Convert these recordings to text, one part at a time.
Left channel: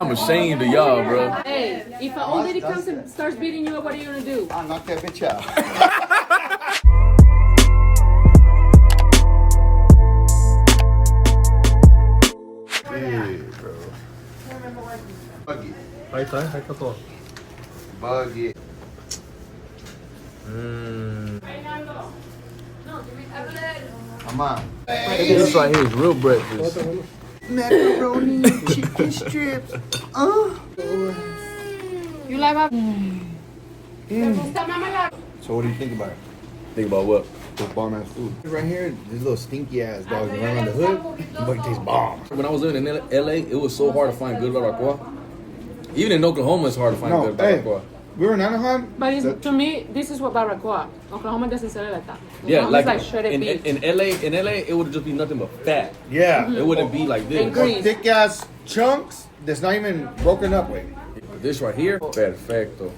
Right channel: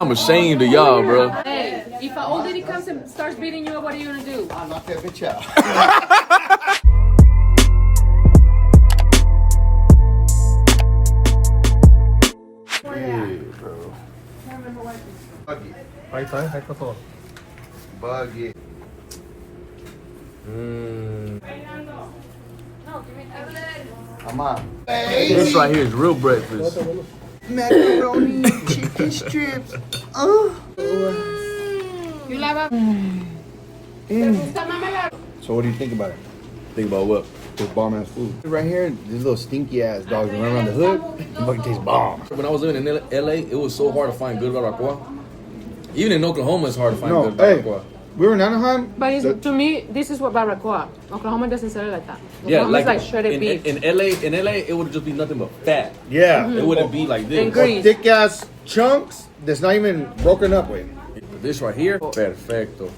I'm ashamed of y'all, bro. Hey, if an old lady comes and starts beating you up, what are you gonna do? I'll knock that bitch out. Bro. Buggy. Ahí está todo. Buggy. Mama. This right here is real breakfast. Macaroni, chicken strips. You like a... So what do you think about it? Think about what? This bomb ass food. Right here, these little stinky ass dogs that run around the hood. It fucking tastes bomb. When I was living in LA, it was so hard to find good barbacoa. Even in Oklahoma, it's hard to find good barbacoa. We were in Anaheim. But to me, this is what barbacoa. Oklahoma doesn't sell it like that. Yeah, Oklahoma's like shredded beef. in LA, it would just be nothing but fat. Yeah. It wouldn't be like this. And grease. Thick ass chunks that's not even broken up with. But this right here, perfecto.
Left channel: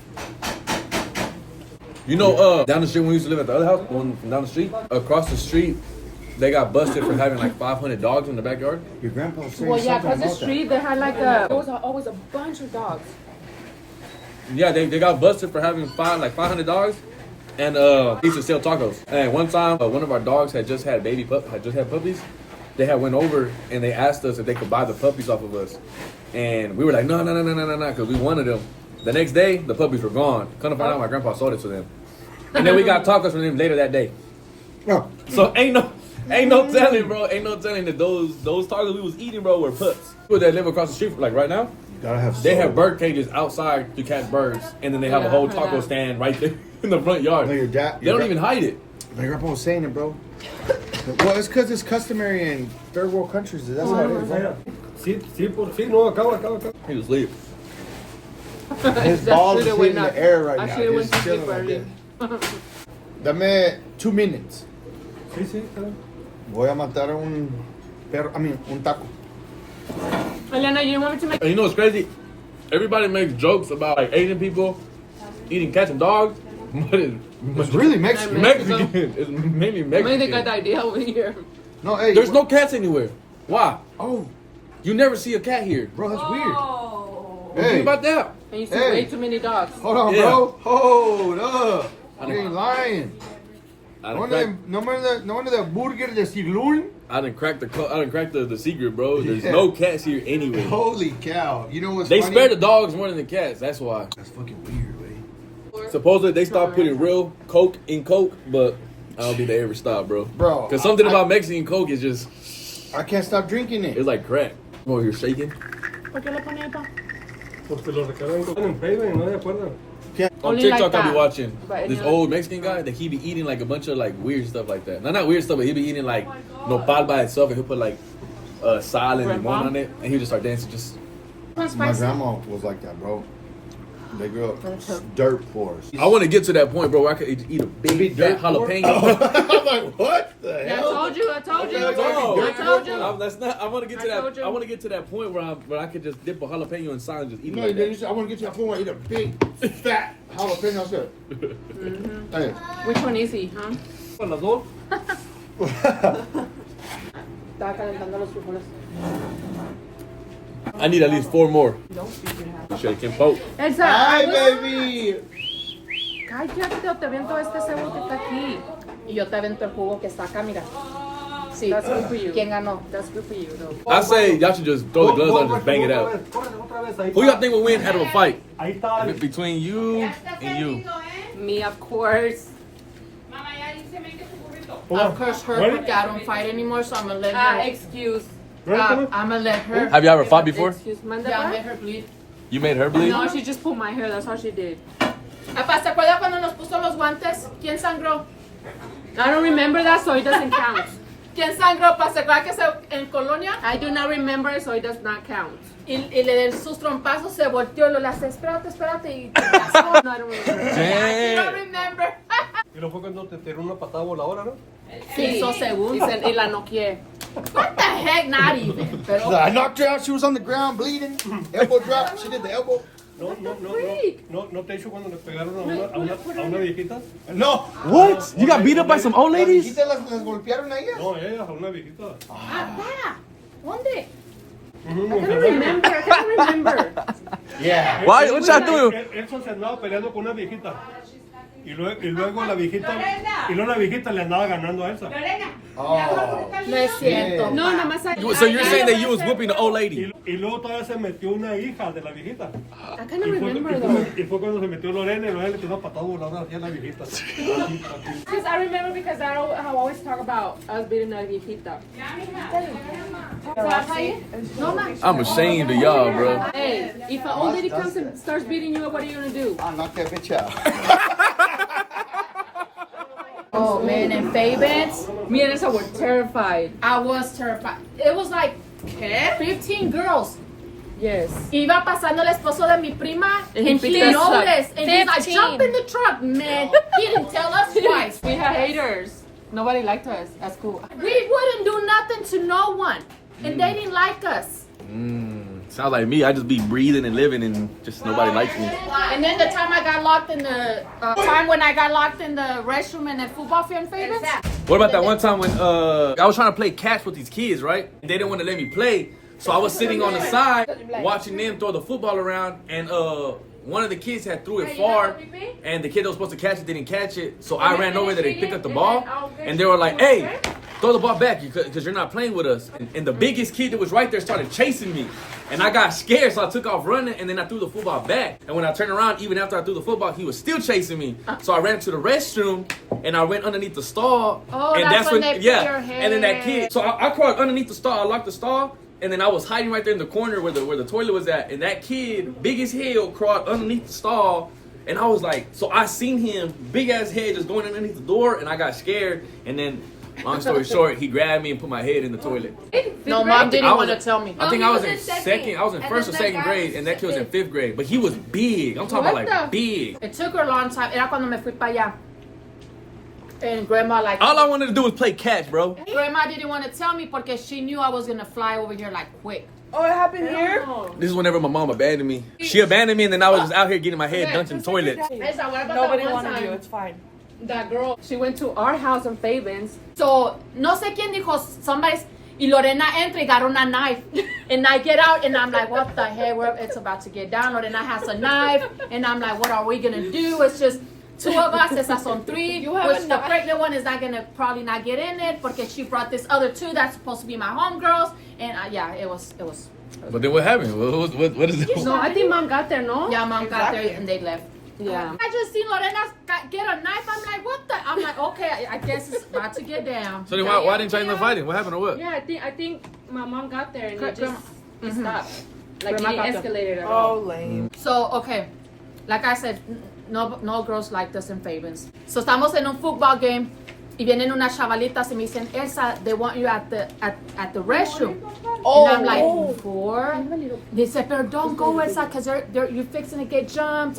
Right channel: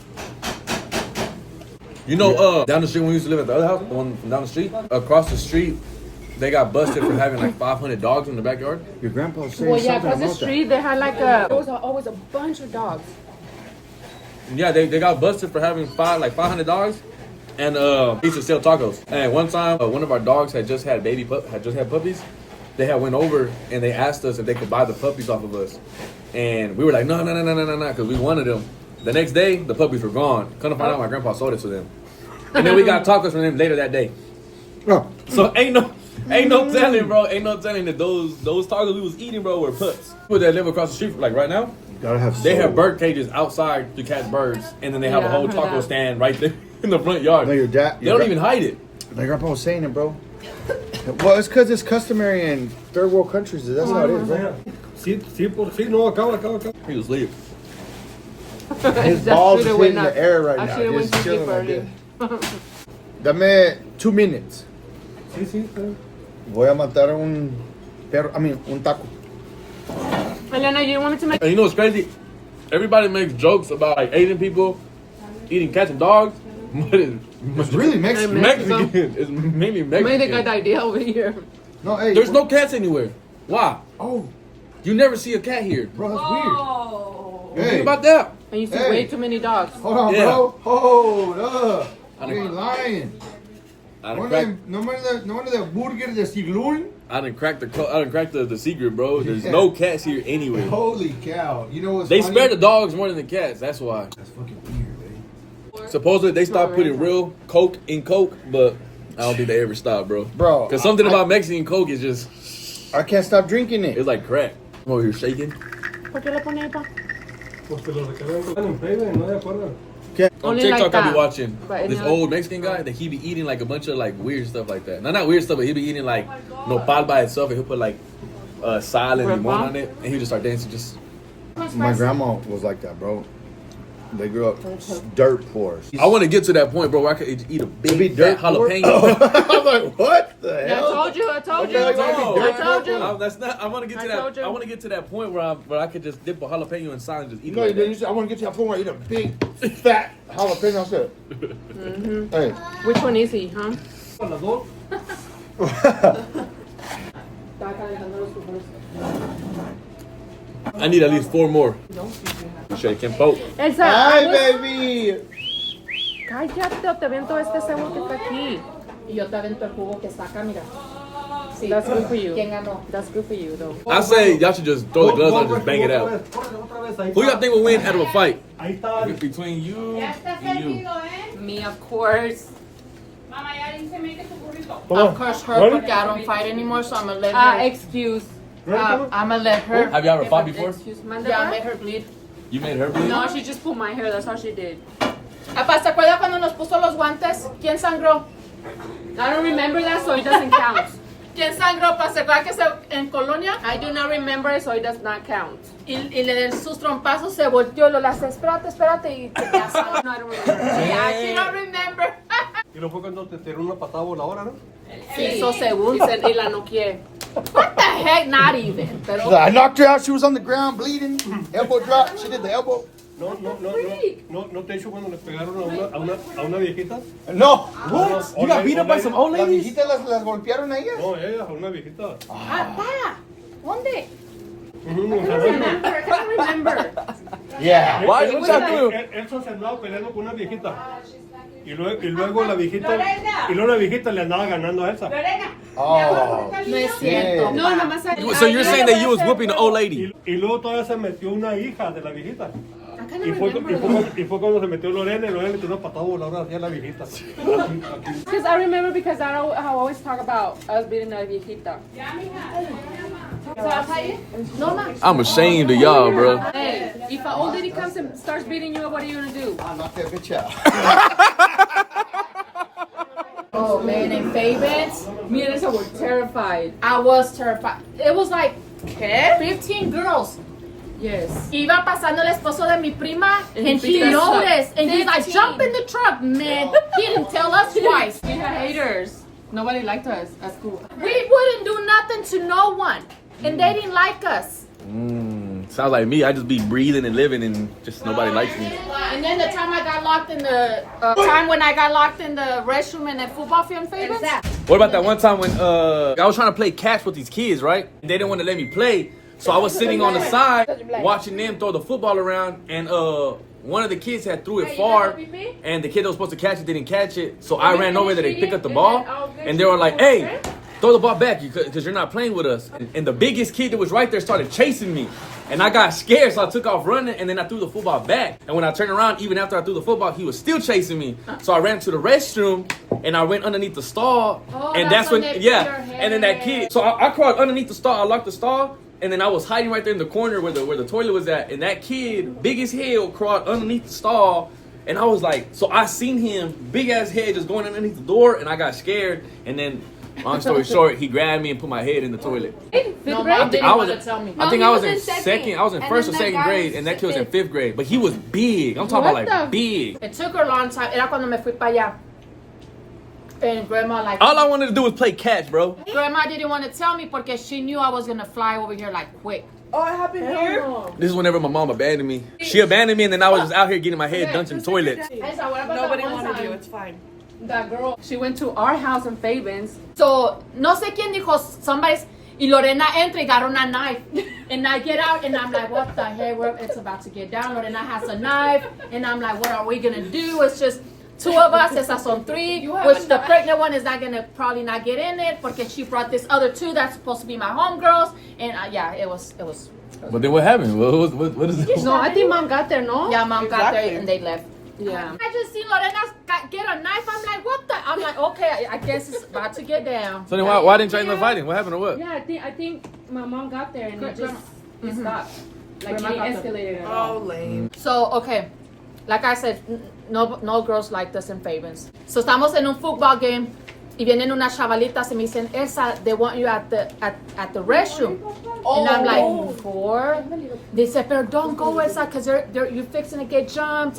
You know, down the street when we used to live at the other house, the one from down the street, across the street, they got busted for having like 500 dogs in the backyard. Your grandpa was saying Well, yeah, something across the about street, they had like a... There was always a bunch of dogs. Yeah, they got busted for having 500 dogs, and they used to sell tacos. And one time, one of our dogs had just had puppies. They had went over and they asked us if they could buy the puppies off of us, and we were like, no, because we wanted them. The next day, the puppies were gone. Come to find out, my grandpa sold it to them, and then we got tacos from them later that day. that. So ain't no telling, bro. Ain't no telling that those tacos we was eating, bro, were pups. People that live across the street, like right now. Gotta have They have bird cages outside to catch birds, and then they have a whole taco stand right there in the front yard. No, your dad. They don't even hide it. My grandpa was saying it, bro. Well, it's because it's customary in third world countries. That's how it is, bro. Sí, no, acaba. He was asleep. His balls is hitting the air right now. He's chilling like this. Dame 2 minutes. Sí. Voy a matar un taco. Eliana, you want me to make... And you know what's crazy? Everybody makes jokes about like Asian people eating cats and dogs, but It's really Mexican. Mexican. It's mainly Made a Mexican. good idea over here. No, hey. There's no cats anywhere. Why? Oh, You never see a cat here. bro, that's Oh. weird. Think about that. And you see Hey. way too many dogs. Hold on, Yeah. bro. Hold up. I I done- ain't lying. I done cracked. No wonder the burger de Silul. I done cracked the secret, bro. There's no cats here anyway. Holy cow. You know what's They funny? spare the dogs more than the cats. That's why. That's fucking weird, baby. Supposedly they stopped putting real Coke in Coke, but I don't think they ever stopped, bro. Bro, Because something about Mexican Coke is just, I can't stop drinking it. it's like crack. I'm over here shaking. ¿Por qué le pone ahí, pa? Porque los recargan en Facebook, no de acuerdo. On Only TikTok, like I be that. watching But this it's old Mexican guy that he be eating like a bunch of like weird stuff like that. Not weird stuff, but he be eating like nopal by itself, and he'll put like sal and limon on it, and he'll just start dancing. Just My grandma was like that, bro. They grew up dirt poor. I want to get to that point, bro, where I could eat a Be big dirt fat poor? jalapeno. I'm like, what the I hell? told you. No, I told you. that's not. I want to get to I that. told you. I want to get to that point where I could just dip a jalapeno in sal and just eat it No, like you that. said, I want to get to that point where I eat a big, fat jalapeno. I said, hey. Which one is he, huh? Con las dos. Estaba calentando los frijoles. I need at least 4 more. Shaking poke. Elsa, Hi, baby. cállate o te avento este cebo que está aquí. Y yo te avento el jugo que está acá, mira. Sí, that's good for you. ¿Quién ganó? That's good for you. though. I say y'all should just throw the gloves on and just bang it out. Who y'all think will win out of a fight? Ahí está. Between you and you. Me, of course. Of course, her, porque I don't fight anymore, so I'm gonna let her. Excuse. I'm gonna let her. Have you ever fought before? Excuse, manda yeah, I made her bleed. You made her bleed? No, she just pulled my hair. That's all she did. Apa, ¿se acuerda cuando nos puso los guantes? ¿Quién sangró? I don't remember that, so it doesn't count. ¿Quién sangró? ¿Se acuerda que en Colonia? I do not remember, so it does not count. Y le den sus trompazos, se volteó, lo las espérate, y te pasó. No, I don't remember. I don't remember. Y luego fue cuando te tiró una patada voladora, ¿no? Sí, hizo segundo y la noqueé. What the heck? Not even. Pero I knocked her out. She was on the ground bleeding. Elbow drop. She did the elbow. No te he dicho cuando le pegaron a una viejita. No. What? You got beat up by some old ¿Las ladies? viejitas las golpearon a ellas? No, ella, a una viejita. pa, ¿dónde? No, I don't remember. Yeah. Why? What y'all do? Él se andaba peleando con una viejita. Y luego la viejita le andaba ganando a Elsa. Oh. No es cierto. No, pa. nomás hay- So you're saying that you was whooping the old lady? Y luego todavía se metió una hija de la viejita. I kind Y of fue, remember y, that. fue, y fue cuando se metió Lorena y Lorena le tiró una patada voladora hacia la viejita. Because I remember because I always talk about us beating a viejita. I'm ashamed of y'all, bro. Hey, if an old lady comes and starts beating you, what are you gonna do? I'll knock that bitch out. Oh man, in Favens, Me and Elsa were terrified. I was terrified. It was like 15 girls. Yes. Iba pasando el esposo de mi prima, and he picked us up. noticed, and he's like, 15. jump in the truck, man. He didn't tell us twice. We had haters. Nobody liked us at school. We wouldn't do nothing to no one, and they didn't like us. Sounds like me. I just be breathing and living, and just nobody likes me. And then the time I got locked in the restroom in the football field in Favens. What about that one time when I was trying to play catch with these kids, right? They didn't want to let me play, so I was sitting on the side watching them throw the football around, and one of the kids had threw it far, and the kid that was supposed to catch it didn't catch it, so I ran over there to pick up the ball, and they were like, "Hey, throw the ball back because you're not playing with us." And the biggest kid that was right there started chasing me, and I got scared, so I took off running, and then I threw the football back. And when I turned around, even after I threw the football, he was still chasing me. So I ran to the restroom, and I went underneath the stall, and that's when they put yeah, your and then that kid. So I crawled underneath the stall, I locked the stall, and then I was hiding right there in the corner where the toilet was at, and that kid, big as hell, crawled underneath the stall. And I was like, so I seen him, big ass head, just going underneath the door, and I got scared. And then, long story short, he grabbed me and put my head in the toilet. No, mom didn't I want was, to tell me. I think I was in second. I was in first or second grade, and that kid was in fifth grade. But he was big. I'm talking about like big. It took her a long time. Era cuando me fui para allá. And grandma like. All I wanted to do was play catch, bro. Grandma didn't want to tell me because she knew I was gonna fly over here like quick. Oh, it happened here? This is whenever my mom abandoned me. She abandoned me, and then I was just out here getting my head dunked in toilets. Nobody wanted you. It's fine. That girl, she went to our house in Favens. So, no sé quién dijo, somebody's, y Lorena entra y agarra una knife. And I get out and I'm like, what the hell, it's about to get down. Lorena has a knife. And I'm like, what are we gonna do? It's just two of us, esas son three. Which the pregnant one is not gonna probably not get in it because she brought this other two that's supposed to be my homegirls. And yeah, it was. But then what happened? What is it? No, I think mom got there, no? Yeah, mom got there and they left. Yeah. I just seen Lorena get a knife. I'm like, what the? I'm like, okay, I guess it's about to get down. So then why didn't y'all end up fighting? What happened or what? Yeah, I think my mom got there and it stopped. Like it didn't escalate at all. So, okay, like I said, no girls like this in Favens. So estamos en un football game y vienen unas chavalitas y me dicen, Elsa, they want you at the restroom. And I'm like, for? They said, but don't go, Elsa, because you're fixing to get jumped.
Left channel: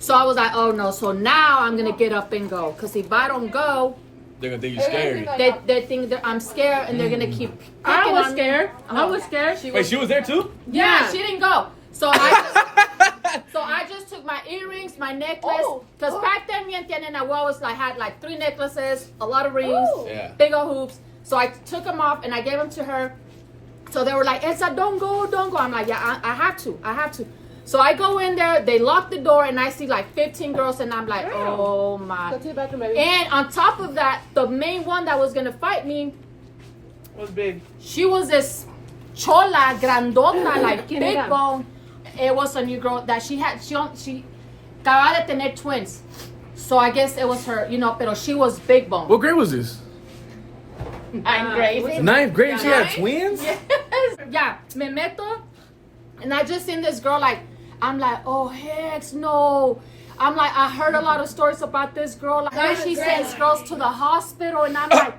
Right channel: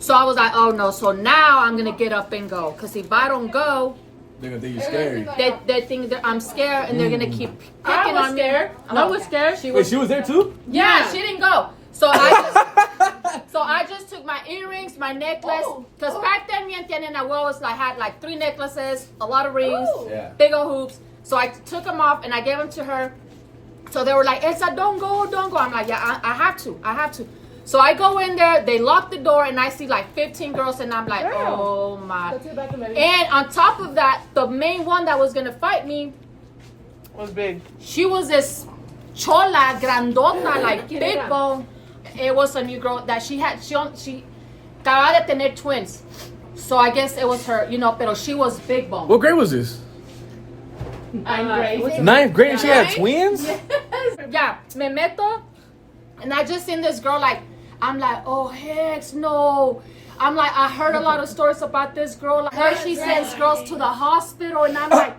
So I was like, oh no. So now I'm going to get up and go. Because if I don't go, They're gonna think you're scary. they think that I'm scared and they're going to keep picking on me. I was scared. Wait, she was there too? Yeah, she didn't go. So I just took my earrings, my necklace, because back then me and Tiana and I always had like 3 necklaces, a lot of rings, Yeah. big old hoops. So I took them off and I gave them to her. So they were like, Elsa, don't go. I'm like, yeah, I have to. So I go in there, they lock the door, and I see like 15 girls, and I'm like, oh my. And on top of that, the main one that was gonna fight me Was big. she was this chola, grandota, like big bone. It was a new girl that she acababa de tener twins. So I guess it was her, pero she was big bone. What grade was this? 9th grade. 9th grade and she had twins? Yeah, me meto, and I just seen this girl I'm like, oh heck no. I'm like, I heard a lot of stories about this girl. I heard she sends girls to the hospital, and I'm like,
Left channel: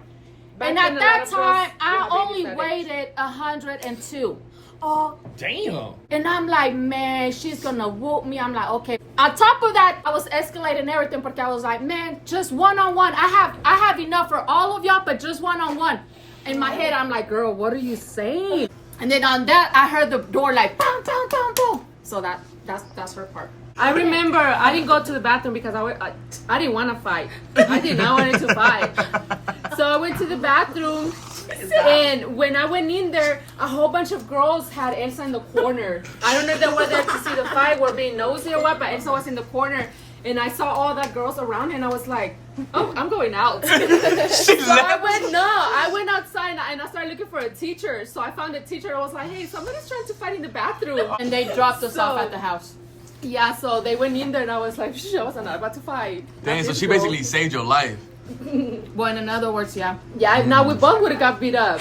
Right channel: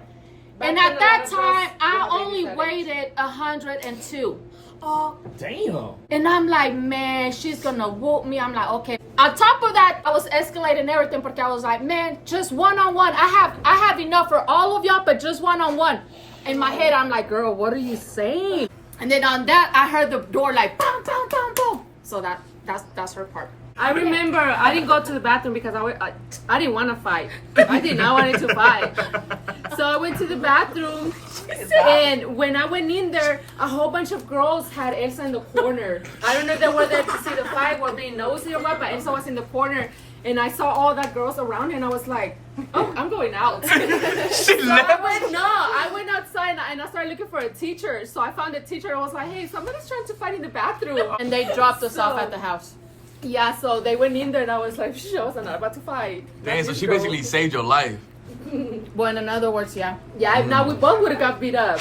and at that time, I only weighed 102. Oh, damn. And I'm like, man, she's gonna whoop me. I'm like, okay. On top of that, I was escalating everything because I was like, man, just one-on-one. I have enough for all of y'all, but just one-on-one. In my head, I'm like, girl, what are you saying? And then on that, I heard the door like, boom, boom, boom, boom. So that's her part. I remember I didn't go to the bathroom because I didn't want to fight. I did not want to fight. So I went to the bathroom, and when I went in there, a whole bunch of girls had Elsa in the corner. I don't know if they were there to see the fight, were being nosy or what, but Elsa was in the corner. And I saw all that girls around, and I was like, "Oh, I'm going out." So I went outside, and I started looking for a teacher. So I found a teacher. I was like, "Hey, somebody's trying to fight in the bathroom." And they dropped us off at the house. Yeah, so they went in there, and I was like, "I was not about to fight." Man, so she basically saved your life. Well, in other words, yeah. Yeah, now we both would have got beat up.